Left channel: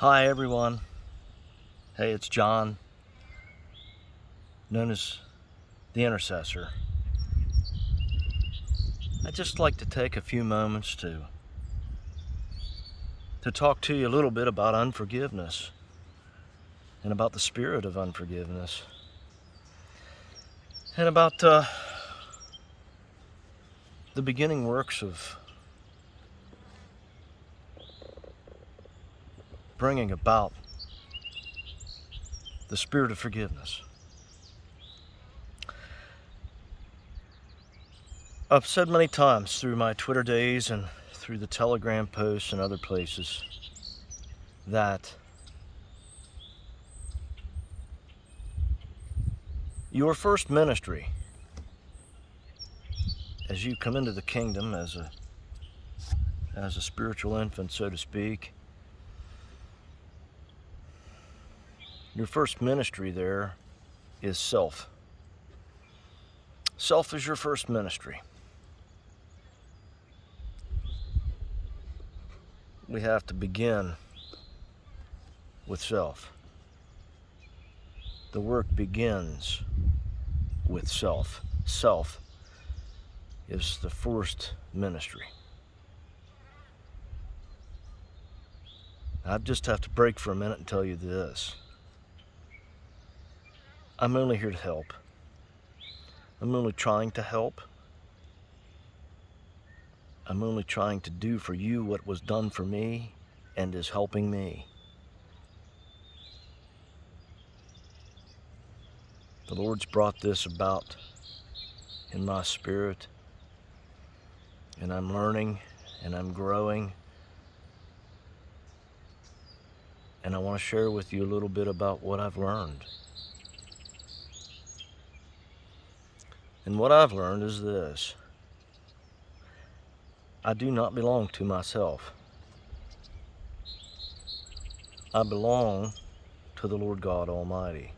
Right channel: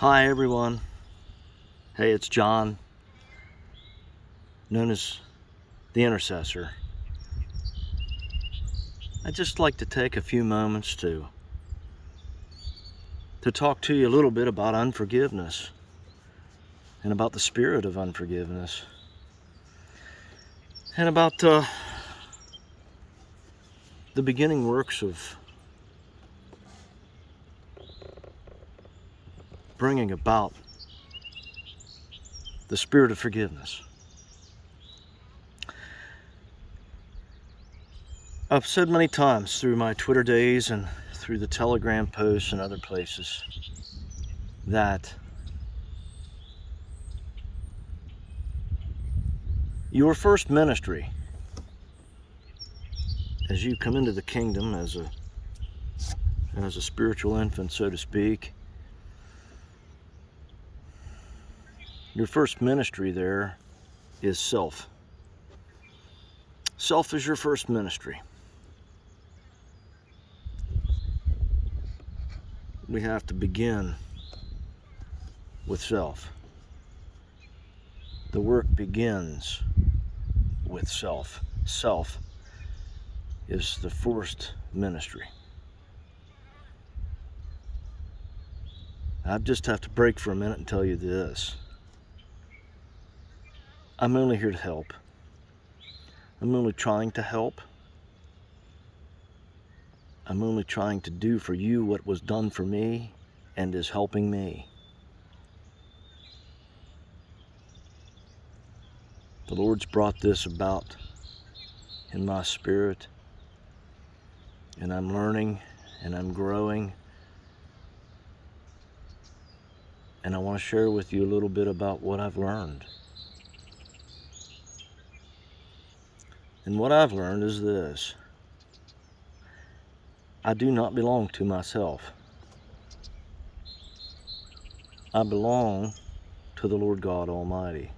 Hi everyone. Hey, it's John, known as the Intercessor. I'd just like to take a few moments to talk to you a little bit about unforgiveness and about the spirit of unforgiveness and about the beginning works of bringing about the spirit of forgiveness. I've said many times through my Twitter days and through the Telegram posts and other places that your first ministry as you come into the kingdom as a spiritual infant, so to speak, your first ministry there is self. Self is your first ministry. We have to begin with self. The work begins with self. Self is the first ministry. I just have to break for a minute and tell you this. I'm only here to help. I'm only trying to help. I'm only trying to do for you what was done for me and is helping me. The Lord's brought this about in my spirit, and I'm learning and I'm growing. And I want to share with you a little bit about what I've learned. And what I've learned is this: I do not belong to myself. I belong to the Lord God Almighty.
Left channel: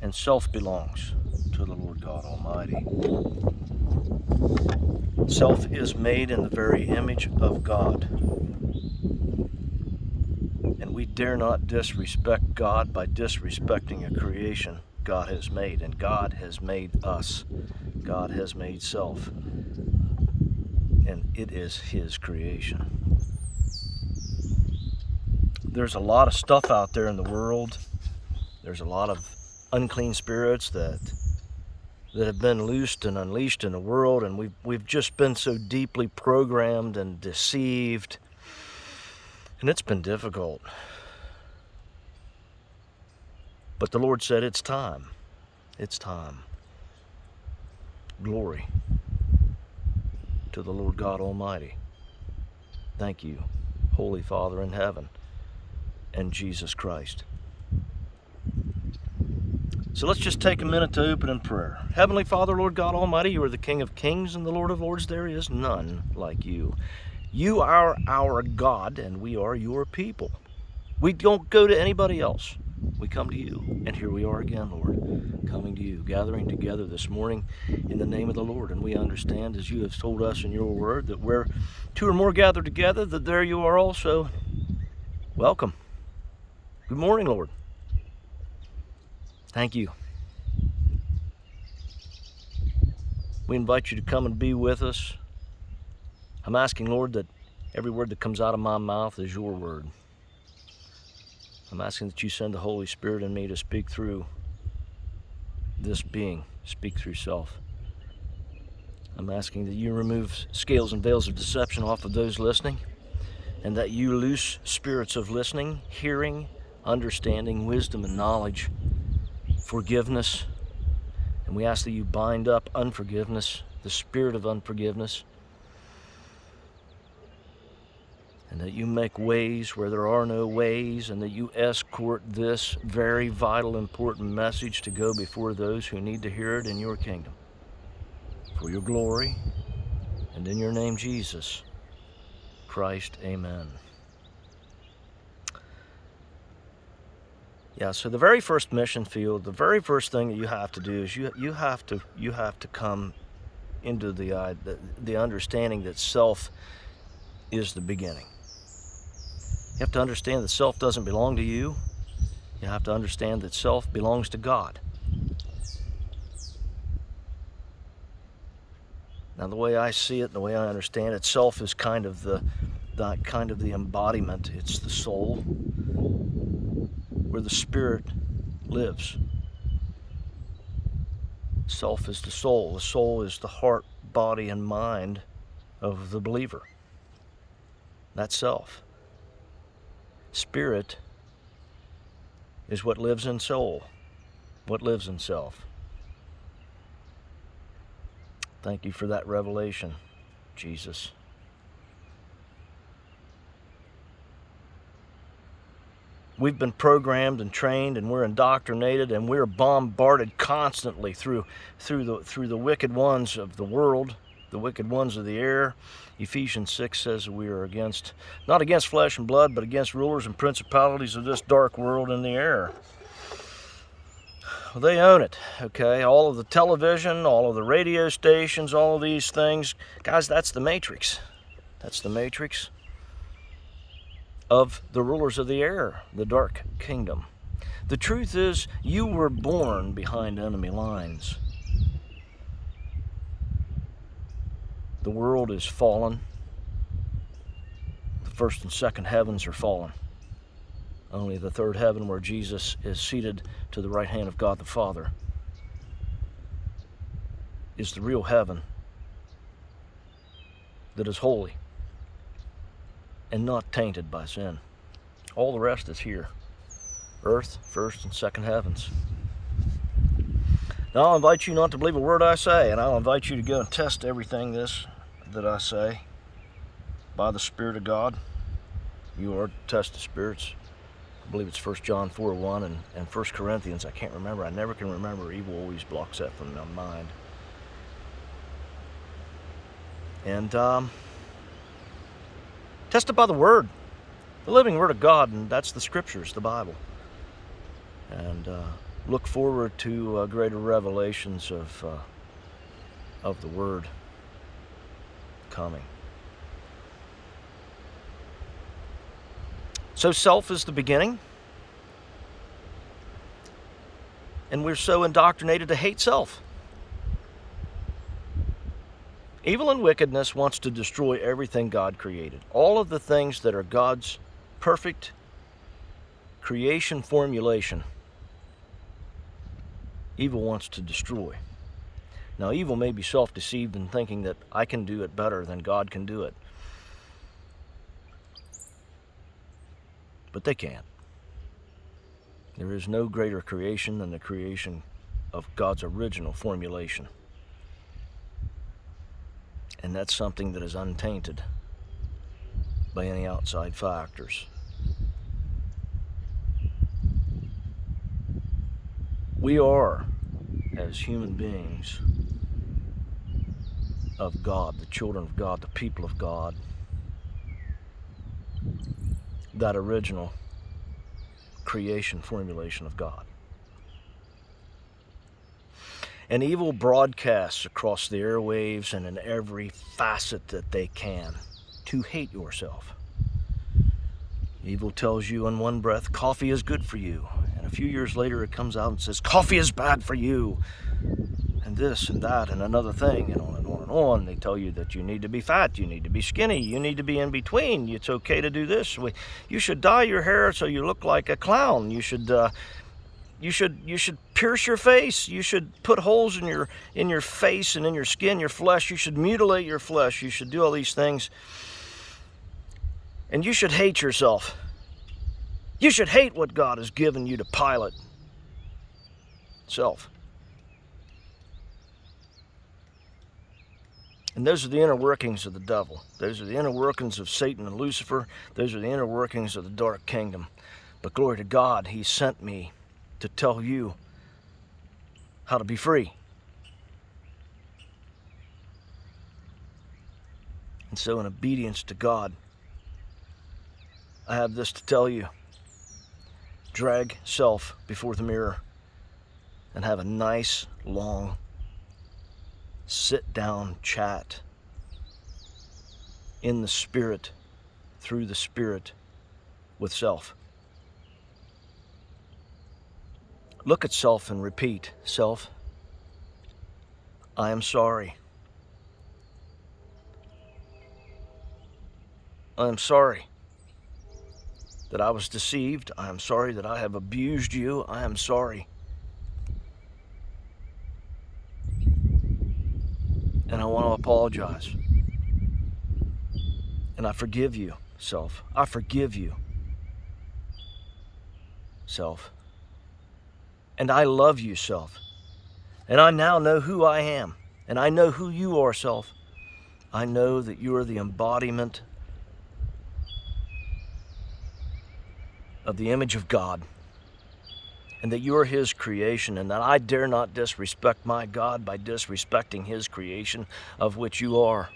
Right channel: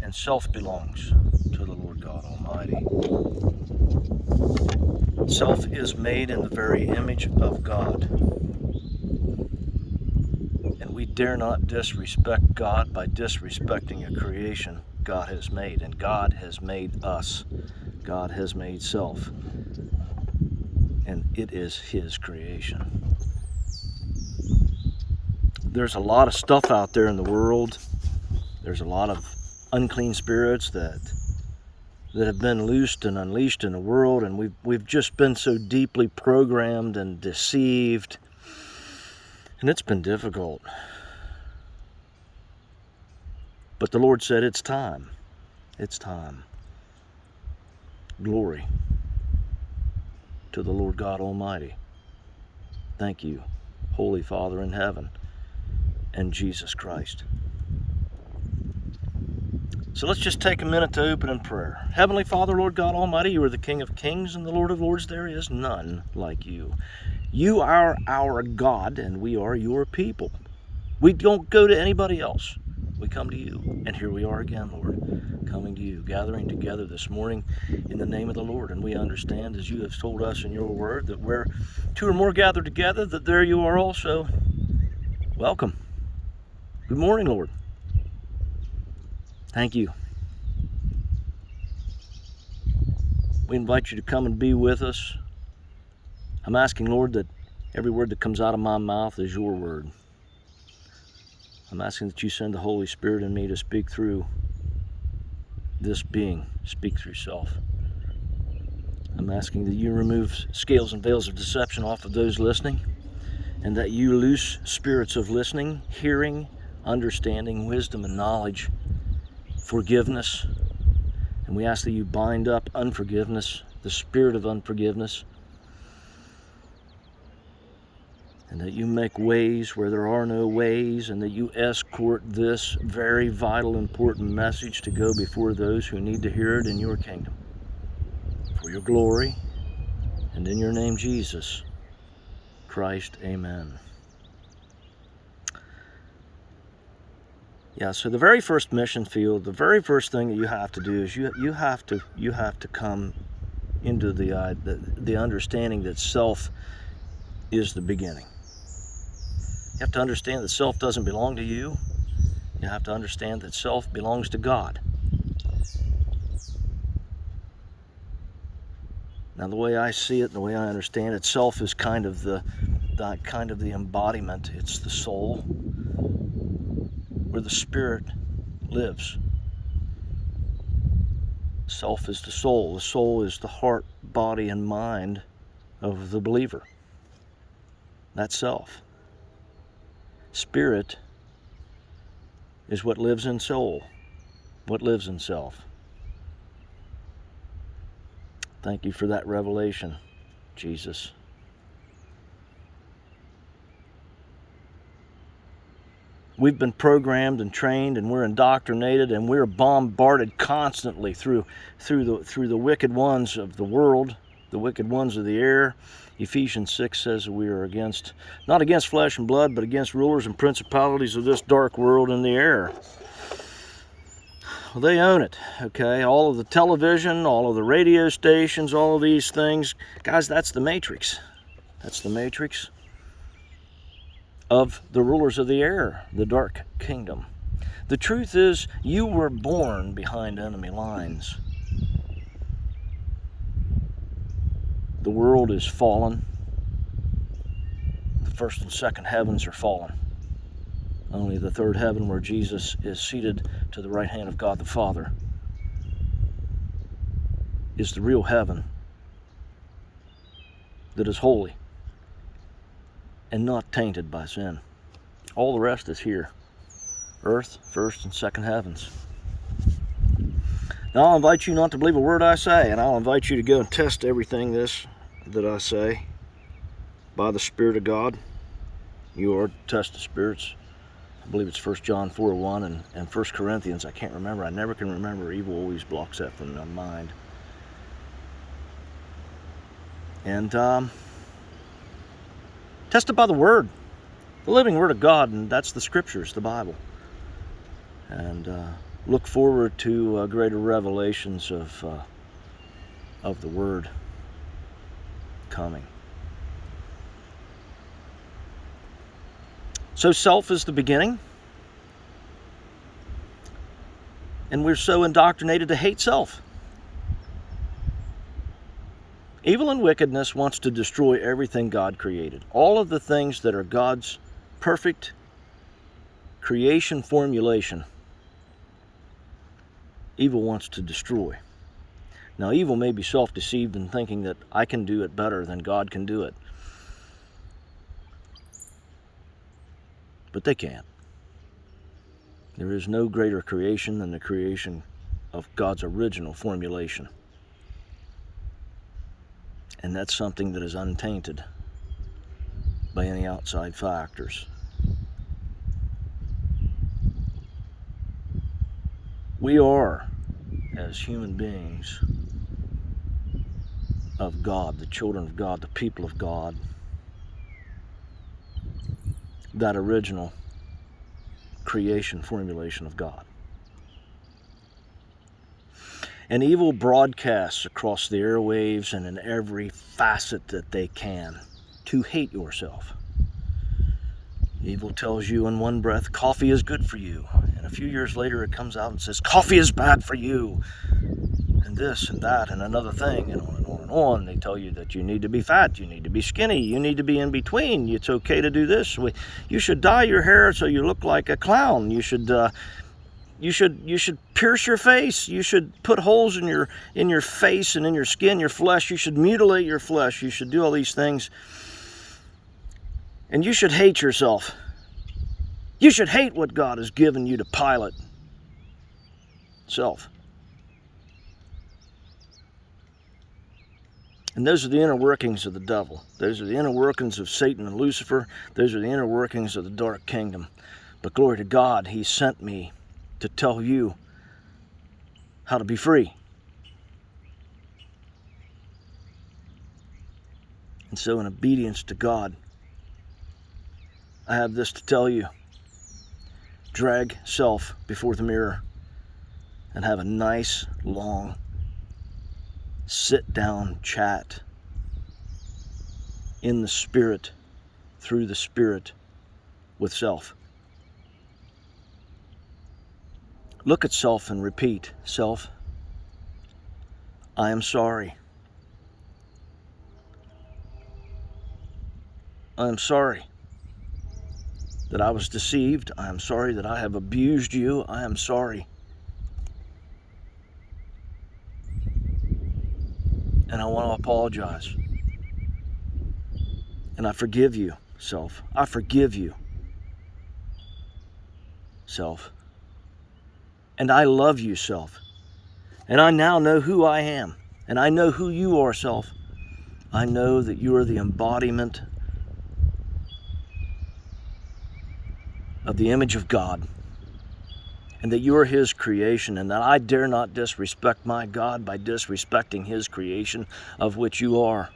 And self belongs to the Lord God Almighty. Self is made in the very image of God. And we dare not disrespect God by disrespecting a creation God has made. And God has made us. God has made self. And it is His creation. There's a lot of stuff out there in the world. There's a lot of unclean spirits that have been loosed and unleashed in the world, and we've just been so deeply programmed and deceived, and it's been difficult. But the Lord said it's time. It's time. Glory to the Lord God Almighty. Thank you, Holy Father in heaven, and Jesus Christ. So let's just take a minute to open in prayer. Heavenly Father, Lord God Almighty, you are the King of Kings and the Lord of Lords. There is none like you. You are our God, and we are your people. We don't go to anybody else. We come to you. And here we are again, Lord, coming to you, gathering together this morning in the name of the Lord. And we understand, as you have told us in your word, that where two or more gather together, that there you are also. Welcome. Good morning, Lord. Thank you. We invite you to come and be with us. I'm asking, Lord, that every word that comes out of my mouth is your word. I'm asking that you send the Holy Spirit in me to speak through this being, speak through self. I'm asking that you remove scales and veils of deception off of those listening, and that you loose spirits of listening, hearing, understanding, wisdom, and knowledge, forgiveness. And we ask that you bind up unforgiveness, the spirit of unforgiveness, and that you make ways where there are no ways, and that you escort this very vital, important message to go before those who need to hear it in your kingdom. For your glory, and in your name, Jesus Christ, amen. Yeah, so the very first mission field, the very first thing that you have to do is you have to come into the understanding that self is the beginning. You have to understand that self doesn't belong to you. You have to understand that self belongs to God. Now, the way I see it, the way I understand it, self is kind of the embodiment. It's the soul, where the spirit lives. Self is the soul. The soul is the heart, body, and mind of the believer. That's self. Spirit is what lives in soul, what lives in self. Thank you for that revelation, Jesus. We've been programmed and trained, and we're indoctrinated, and we're bombarded constantly through the wicked ones of the world, the wicked ones of the air. Ephesians 6 says we are not against flesh and blood, but against rulers and principalities of this dark world in the air. Well, they own it, okay? All of the television, all of the radio stations, all of these things. Guys, that's the matrix. That's the matrix of the rulers of the air, the dark kingdom. The truth is, you were born behind enemy lines. The world is fallen. The first and second heavens are fallen. Only the third heaven, where Jesus is seated to the right hand of God the Father, is the real heaven that is holy and not tainted by sin. All the rest is here. Earth, first and second heavens. Now I'll invite you not to believe a word I say, and I'll invite you to go and test everything that I say by the Spirit of God. You are to test the spirits. I believe it's 1 John 4:1 and 1 Corinthians. I can't remember. I never can remember. Evil always blocks that from my mind. And test it by the Word, the living Word of God, and that's the Scriptures, the Bible. And look forward to greater revelations of the Word coming. So self is the beginning, and we're so indoctrinated to hate self. Evil and wickedness wants to destroy everything God created. All of the things that are God's perfect creation formulation, evil wants to destroy. Now, evil may be self-deceived in thinking that I can do it better than God can do it. But they can't. There is no greater creation than the creation of God's original formulation. And that's something that is untainted by any outside factors. We are, as human beings of God, the children of God, the people of God, that original creation formulation of God. And evil broadcasts across the airwaves and in every facet that they can to hate yourself. Evil tells you in one breath, coffee is good for you. And a few years later it comes out and says, coffee is bad for you. And this and that and another thing, and on and on and on. They tell you that you need to be fat, you need to be skinny, you need to be in between. It's okay to do this. You should dye your hair so you look like a clown. You should pierce your face. You should put holes in your face and in your skin, your flesh. You should mutilate your flesh. You should do all these things. And you should hate yourself. You should hate what God has given you to pilot. Self. And those are the inner workings of the devil. Those are the inner workings of Satan and Lucifer. Those are the inner workings of the dark kingdom. But glory to God, He sent me to tell you how to be free. And so in obedience to God, I have this to tell you. Drag self before the mirror and have a nice, long, sit-down chat in the Spirit, through the Spirit, with self. Look at self and repeat, self, I am sorry. I am sorry that I was deceived. I am sorry that I have abused you. I am sorry. And I want to apologize. And I forgive you, self. I forgive you, self. And I love you, self. And I now know who I am. And I know who you are, self. I know that you are the embodiment of the image of God. And that you are His creation. And that I dare not disrespect my God by disrespecting His creation, of which you are.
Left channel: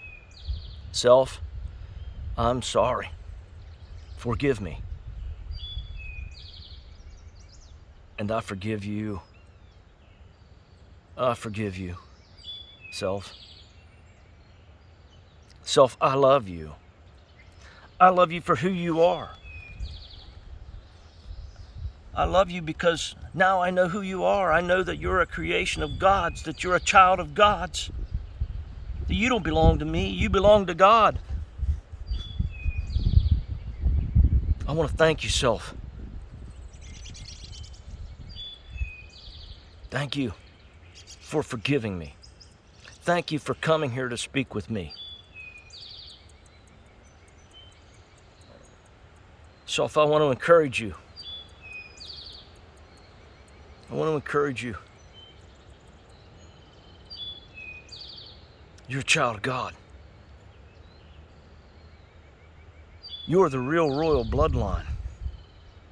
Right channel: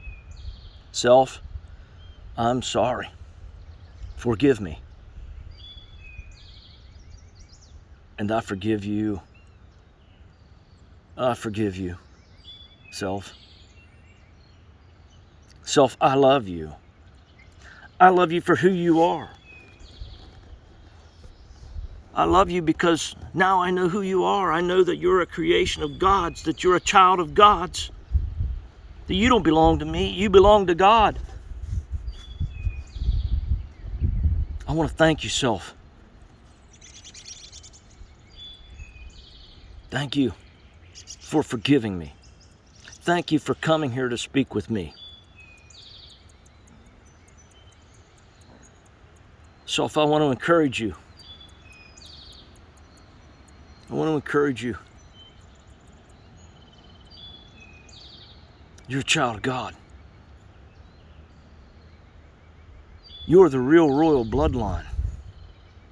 Self, I'm sorry. Forgive me. And I forgive you. I forgive you, self. Self, I love you. I love you for who you are. I love you because now I know who you are. I know that you're a creation of God's, that you're a child of God's, that you don't belong to me, you belong to God. I want to thank you, self. Thank you for forgiving me. Thank you for coming here to speak with me. Self, I want to encourage you. I want to encourage you. You're a child of God. You're the real royal bloodline,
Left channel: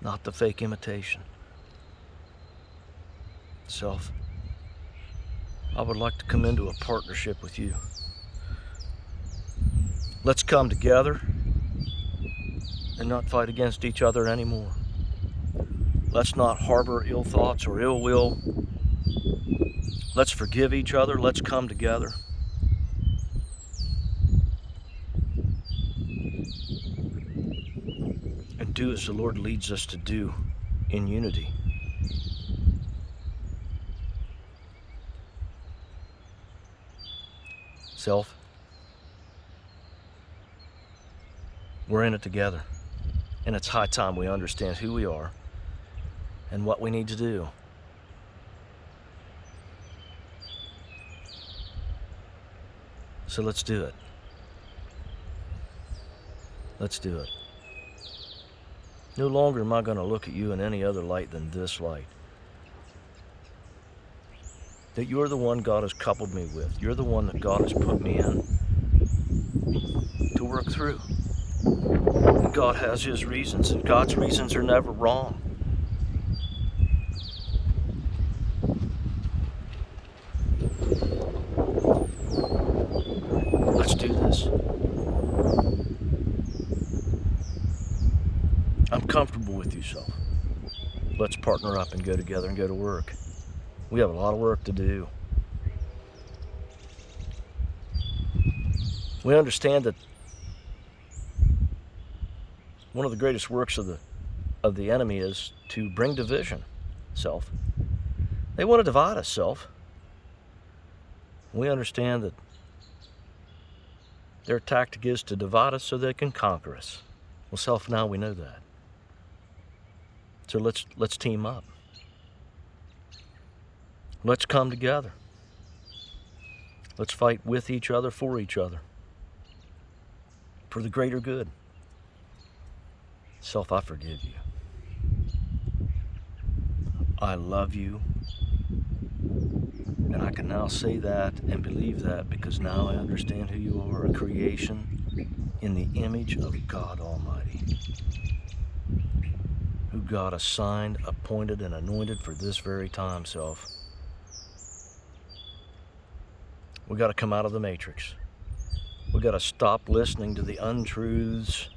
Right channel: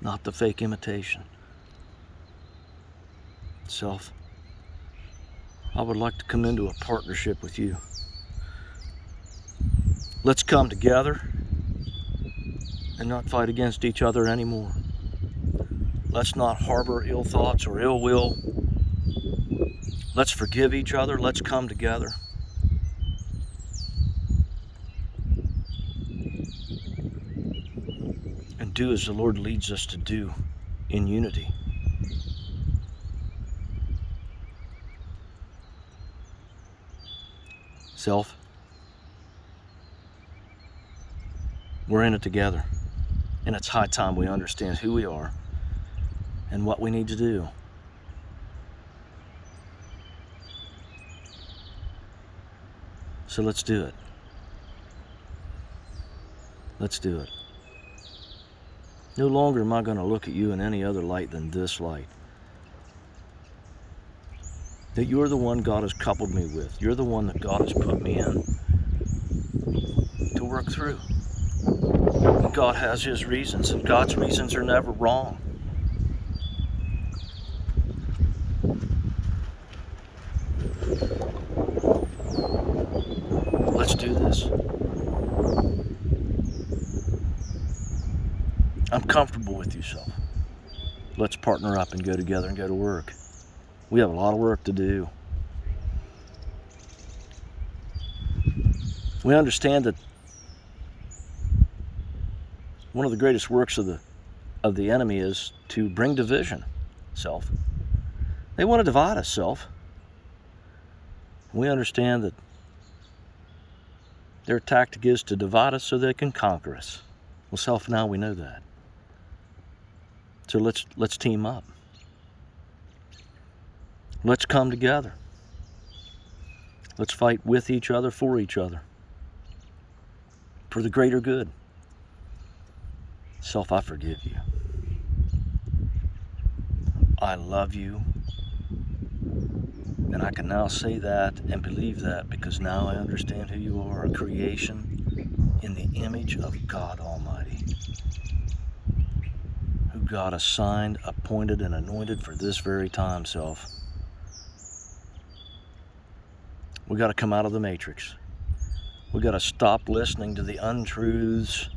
not the fake imitation. Self, I would like to come into a partnership with you. Let's come together and not fight against each other anymore. Let's not harbor ill thoughts or ill will. Let's forgive each other. Let's come together. And do as the Lord leads us to do in unity. Self, we're in it together. And it's high time we understand who we are and what we need to do. So let's do it. Let's do it. No longer am I going to look at you in any other light than this light. That you're the one God has coupled me with. You're the one that God has put me in to work through. And God has His reasons, and God's reasons are never wrong. Let's do this. I'm comfortable with you, self. Let's partner up and go together and go to work. We have a lot of work to do. We understand that one of the greatest works of the enemy is to bring division, self. They want to divide us, self. We understand that their tactic is to divide us so they can conquer us. Well, self, now we know that. So let's team up. Let's come together. Let's fight with each other, for each other, for the greater good. Self, I forgive you. I love you. And I can now say that and believe that because now I understand who you are, a creation in the image of God Almighty, who God assigned, appointed, and anointed for this very time, self. We got to come out of the matrix. We got to stop listening to the untruths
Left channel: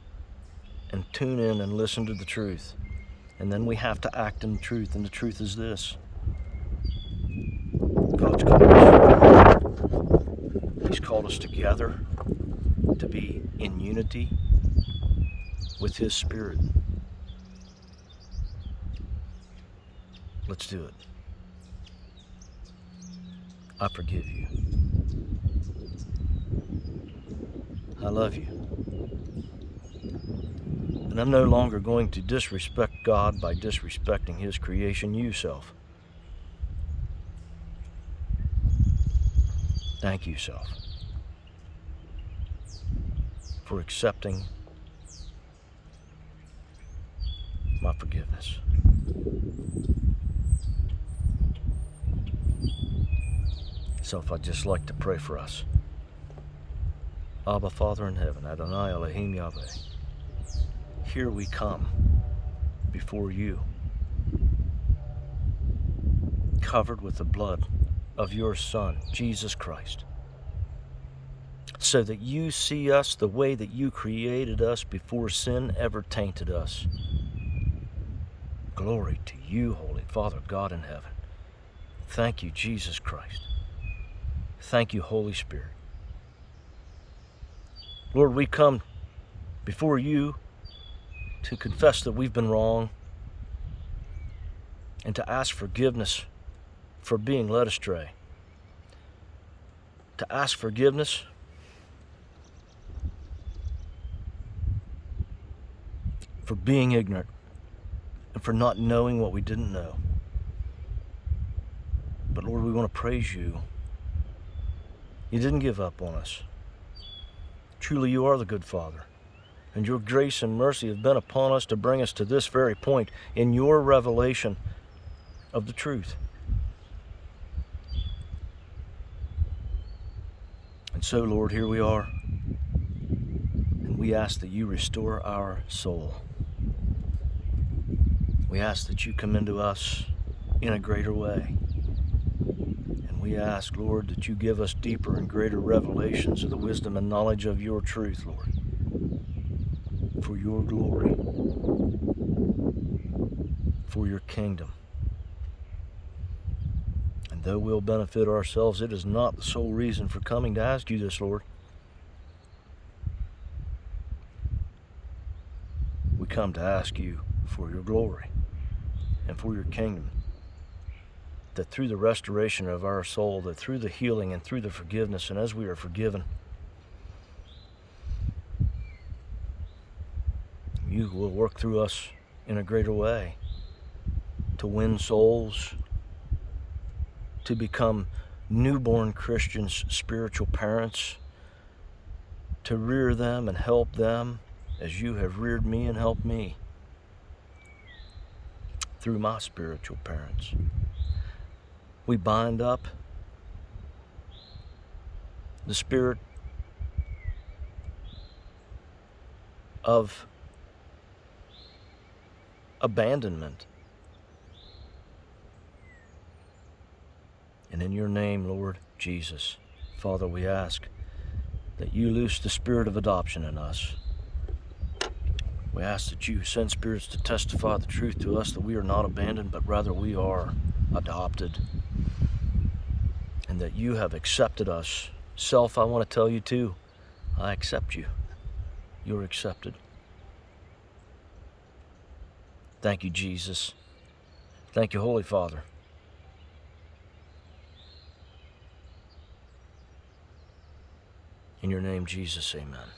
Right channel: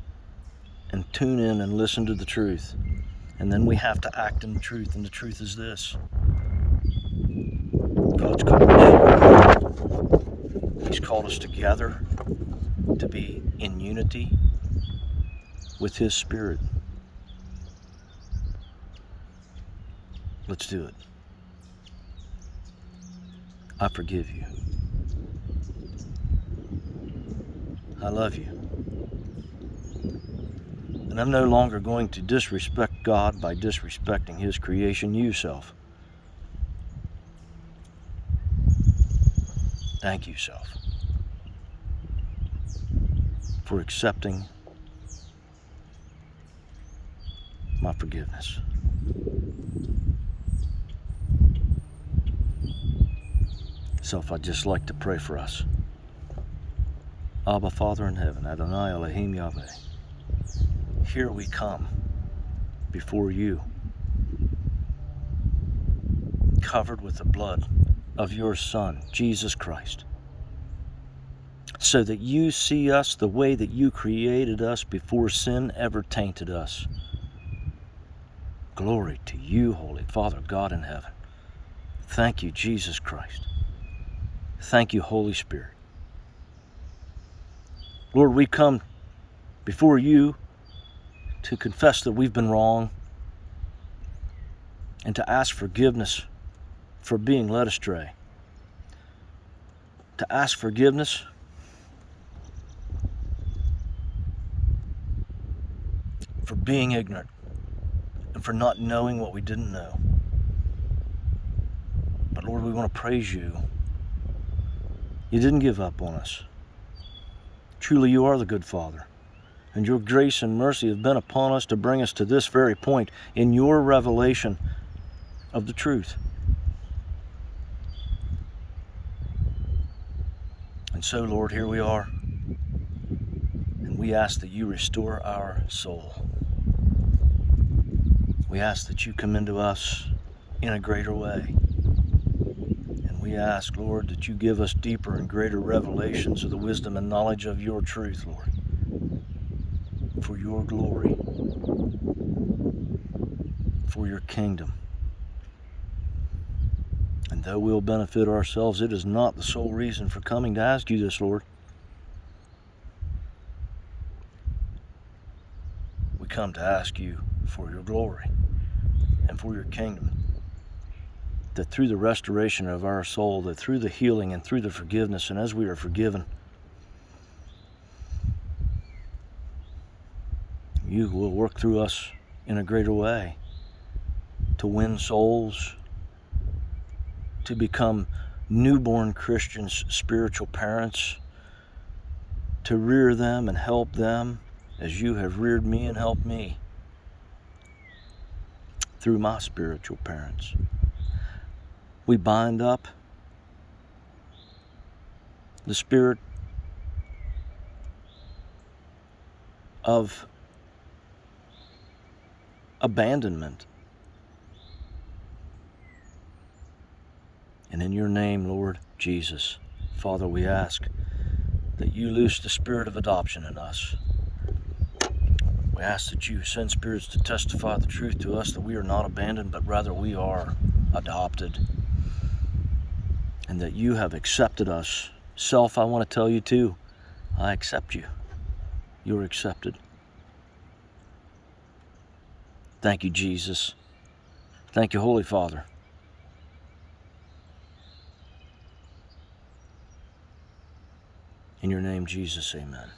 and tune in and listen to the truth. And then we have to act in the truth, and the truth is this. God's called us. He's called us together to be in unity with His Spirit. Let's do it. I forgive you. I love you. And I'm no longer going to disrespect God by disrespecting His creation, you self. Thank you, self, for accepting my forgiveness. Self, I'd just like to pray for us. Abba, Father in heaven, Adonai Elohim Yahweh, here we come before you, covered with the blood of your Son, Jesus Christ, so that you see us the way that you created us before sin ever tainted us. Glory to you, Holy Father, God in heaven. Thank you, Jesus Christ. Thank you, Holy Spirit. Lord, we come before you to confess that we've been wrong and to ask forgiveness for being led astray. To ask forgiveness for being ignorant and for not knowing what we didn't know. But Lord, we want to praise you. You didn't give up on us. Truly, you are the good Father, and your grace and mercy have been upon us to bring us to this very point in your revelation of the truth. And so, Lord, here we are, and we ask that you restore our soul. We ask that you come into us in a greater way. And we ask, Lord, that you give us deeper and greater revelations of the wisdom and knowledge of your truth, Lord, for your glory, for your kingdom. And though we'll benefit ourselves, it is not the sole reason for coming to ask you this, Lord. We come to ask you for your glory and for your kingdom, that through the restoration of our soul, that through the healing and through the forgiveness, and as we are forgiven, you will work through us in a greater way to win souls, to become newborn Christians, spiritual parents, to rear them and help them as you have reared me and helped me through my spiritual parents. We bind up the spirit of abandonment. And in your name, Lord Jesus, Father, we ask that you loose the spirit of adoption in us. We ask that you send spirits to testify the truth to us, that we are not abandoned, but rather we are adopted, and that you have accepted us. Self, I want to tell you too, I accept you. You're accepted. Thank you, Jesus. Thank you, Holy Father. In your name, Jesus, amen.